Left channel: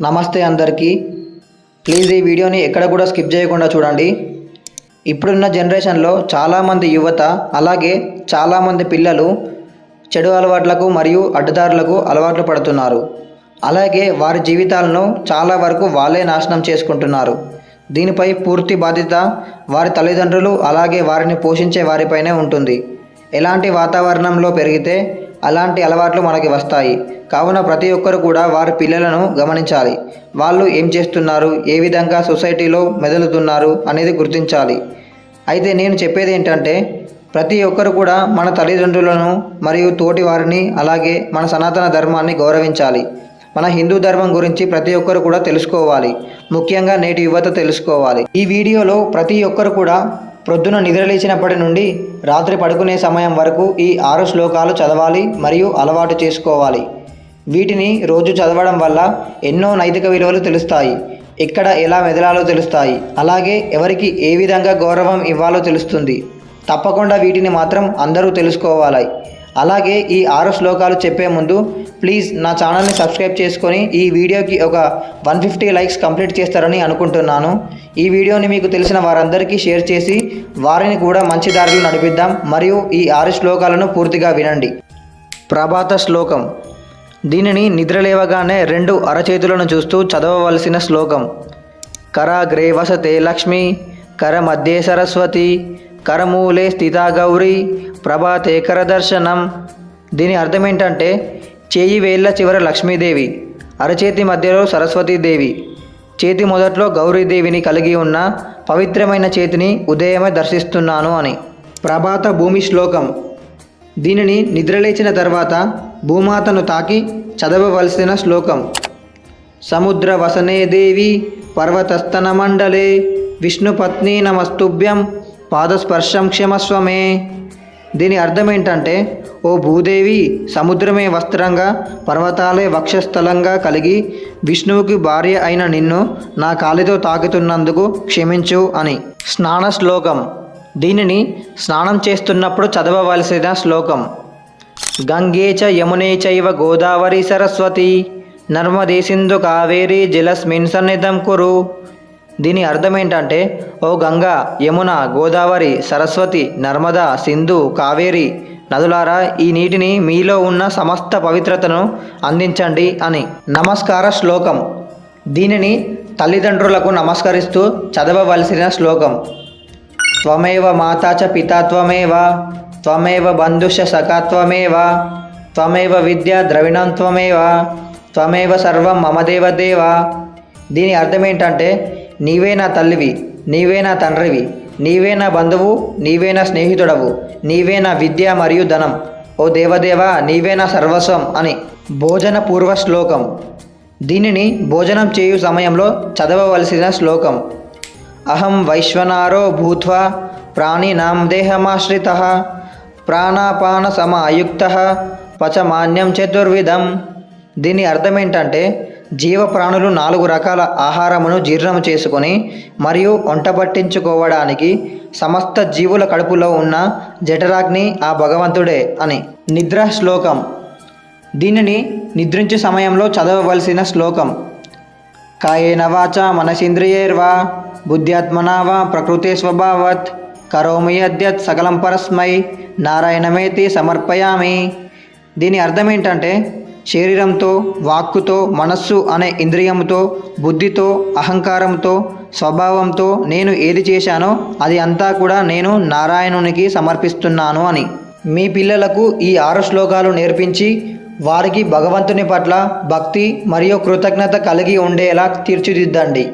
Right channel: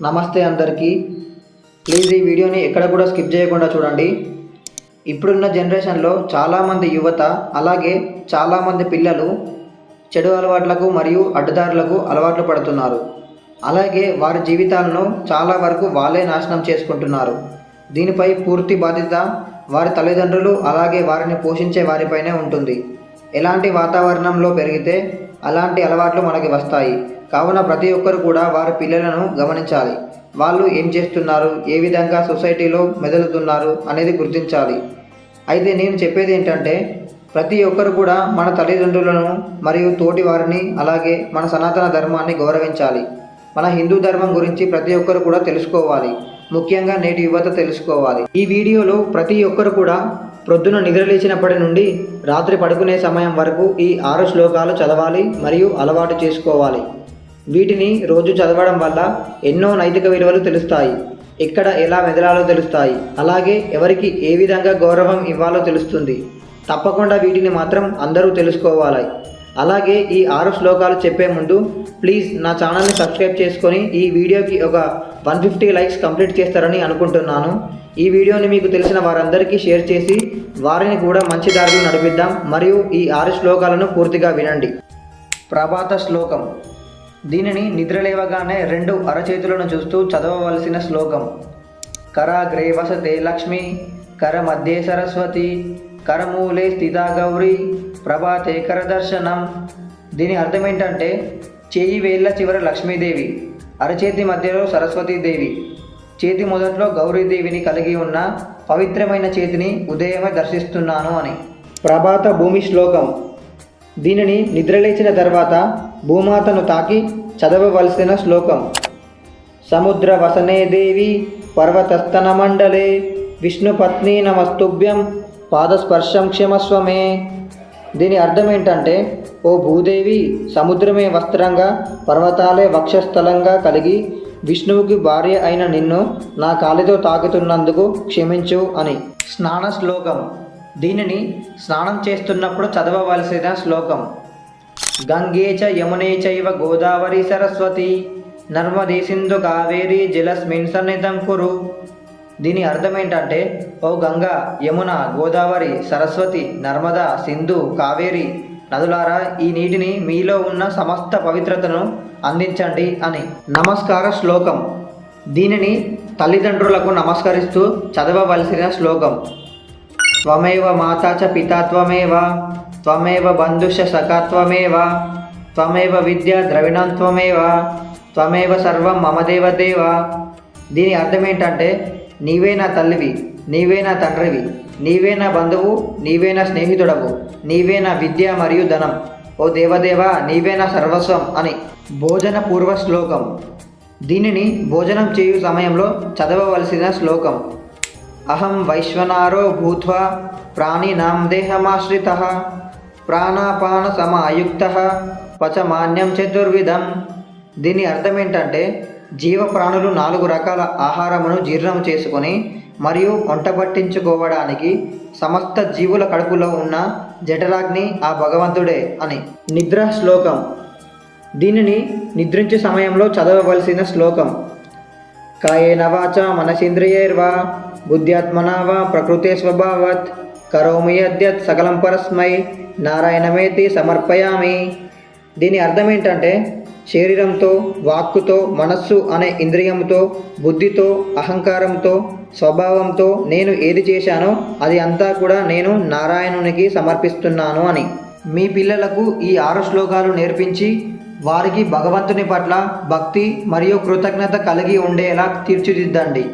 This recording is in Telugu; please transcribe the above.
నమస్తే అందరికీ. ప్లీజ్ ఈ వీడియోని ఎక్కడ కూడా స్కిప్ చేయకుండా చూడండి. ఇప్పుడున్న జనరేషన్లో చాలామంది యువత అలాగే చాలామంది పిల్లలు చెడు అలవాట్లకు మరియు అడ్డదారులకు అలవాట్లు పడుతున్నారు. అలాగే వారి జీవితాలను చాలా వరకు వాళ్ళే నాశనం చేసుకుంటున్నారు. దీనిపై పూర్తి బాధ్యత వారి తల్లిదండ్రులు అలాగే వారిని పోషించే వారిపైనే ఉంటుంది. ఎలాంటి వాతావరణంలో పెరిగితే అలాంటి అలవాట్లు మనకి వస్తాయి. కావున ప్రతి ఒక్కరు కూడా వారి పిల్లలను గమనించాలి. వాళ్ళు ఏం చేస్తున్నారు? ఏ విధంగా సొసైటీలో మెదులుతున్నారు? అనేది గుర్తించాలి. అయితే నేను చెప్పేది ఏంటంటే ప్రతి ఒక్కరు కూడా మన తల్లిదండ్రులను మరియు తోటి వారిని అలాగే మన సనాతన ధర్మాన్ని గౌరవించాలి. మన హిందూ ధర్మం గురించి ప్రతి ఒక్కరు కూడా తెలుసుకోవాలి. ముఖ్యంగా నేటి యువత తెలుసుకోవాలి. ఈ వీడియోలో ప్రతి ఒక్కరు కూడా ప్రొద్దున నిద్రలేచినప్పటి నుండి రాత్రి పడుకునే సమయం వరకు ఈ ఆరు శ్లోకాలు చదవాలి మరియు అలవాటు చేసుకోవాలి. వీటిని రోజు చదవడం వల్ల ఎన్నో నైతిక విలువలు తెలుస్తాయి. ఎక్కడ ఎలా మెదలాలో తెలుస్తాయి. అలాగే ఎవరికి ఏ విధంగా గౌరవం ఇవ్వాలో తెలుస్తుంది. తప్పకుండా వీటిని మాత్రం అందరూ తెలుసుకోవాలి. అలాగే ఈ ఆరు శ్లోకాలు చెప్పే ముందు ప్లీజ్ నా ఛానల్ని సబ్స్క్రైబ్ చేసుకొని ఈ వీడియోకి ఒక వన్ ఫిఫ్టీ లైక్స్ కంప్లీట్ చేస్తారని అనుకుంటున్నాను. ఈ వీడియోని మీకు తెలిసిన వారందరికీ షేర్ చేసి వారిని కూడా మంచి దారిలో నడిపిద్దాం. మరియు ఈ ఆరు శ్లోకాలను పూర్తిగా వినండి. ప్రభాత శ్లోకం. దీనిని నిద్రలేవగానే రెండు అరచేతులను చూస్తూ చదవవలసిన శ్లోకం. కర వసతే లక్ష్మి కర మధ్యే సరస్వతి కరమూలే స్థితా గౌరీ ప్రభాతే కరదర్శనం. దీని అర్థం ఏంటంటే చేయి వేళ్ళ చివర లక్ష్మీదేవి అరచేతి మధ్యలో సరస్వతీదేవి. చేతి మొదట్లో గౌరీదేవిని కలిగి ఉన్న పవిత్రమైన చేతిని ఉదయమే దర్శిస్తున్నాను అని. ప్రభాత భూమి శ్లోకం. దీనిని నిద్రలేచిన తర్వాత భూమాతను తాకి చదవవలసిన శ్లోకం. సముద్ర వసనే దేవి పర్వతస్తన మండలే విష్ణుపత్ని నమస్తుభ్యం. పాదస్పర్శం క్షమస్వమే. దీని అర్థం ఏంటంటే ఓ భూదేవి సముద్రమే వస్త్రంగా పర్వతాలే వక్షస్థలంగా కలిగి విష్ణువుకి భార్య అయిన నిన్ను నా కాలితో తాకుతున్నందుకు క్షమించు అని. స్నాన శ్లోకం. దీనిని స్నానం చేస్తున్నప్పుడు చదవవలసిన శ్లోకం. గంగే చ యమునే చైవ గోదావరి సరస్వతి నర్మదే సింధు కావేరి జలస్మిన్ సన్నిధం కురు. దీని అర్థం ఏంటంటే ఓ గంగా యమున గోదావరి సరస్వతి నర్మద సింధు కావేరి నదులారా ఈ నీటిని మీలో ఉన్న సమస్త పవిత్రతను అందించండి అని. నమస్కార శ్లోకం. దీనిని తల్లిదండ్రులకు నమస్కరిస్తూ చదవవలసిన శ్లోకం. త్వమేవ మాతాచ పితాత్వమేవ త్వమేవ బంధుష సఖాత్వమేవ త్వమేవ విద్య ద్రవిణం త్వమేవ త్వమేవ సర్వం మమదేవ దేవ దీని అర్థం ఏంటంటే నీవే నా తల్లివి నీవే నా తండ్రివి నీవే నా బంధువు నీవే నా స్నేహితుడవు నీవే నా విద్య మరియు ధనం. ఓ దేవదేవ నీవే నా సర్వస్వం అని. భోజన పూర్వ శ్లోకం. దీనిని భోజనం చేయు సమయంలో చదవవలసిన శ్లోకం. అహం వైశ్వనారో భూత్వా ప్రాణినాం దేహమాశ్రిత ప్రాణాపాన సమాయుక్త పచమాన్యం చతుర్విధం. దీని అర్థం ఏంటంటే జీవ ప్రాణులు నాలుగు రకాల ఆహారమును జీర్ణము చేసుకొని మరియు వంట పట్టించుకోవడానికి సమస్త జీవుల కడుపులో ఉన్న జఠరాగ్ని ఆ భగవంతుడే అని. నిద్ర శ్లోకం. దీనిని నిద్రించే సమయంలో చదవవలసిన శ్లోకం. కాయేన వాచ మనసేంద్రియైర్వా బుద్ధ్యాత్మనా వా ప్రకృతే స్వభావత్ కరోమి అద్యత్ సకలం పరస్మై నారాయణమేతి సమర్పయామి. దీని అర్థం ఏంటంటే శరీరంతో వాక్కుతో మనస్సు అనే ఇంద్రియంతో బుద్ధితో అహంకారంతో స్వభావంతో నేను ఏది చేశానో అది అంతా కూడా నేను నారాయణునికి సమర్పిస్తున్నాను అని. మీ పిల్లలకు ఈ ఆరు శ్లోకాలు నేర్పించి వారికి భగవంతుని పట్ల భక్తి మరియు కృతజ్ఞత కలిగి ఉండేలా తీర్చిదిద్దండి.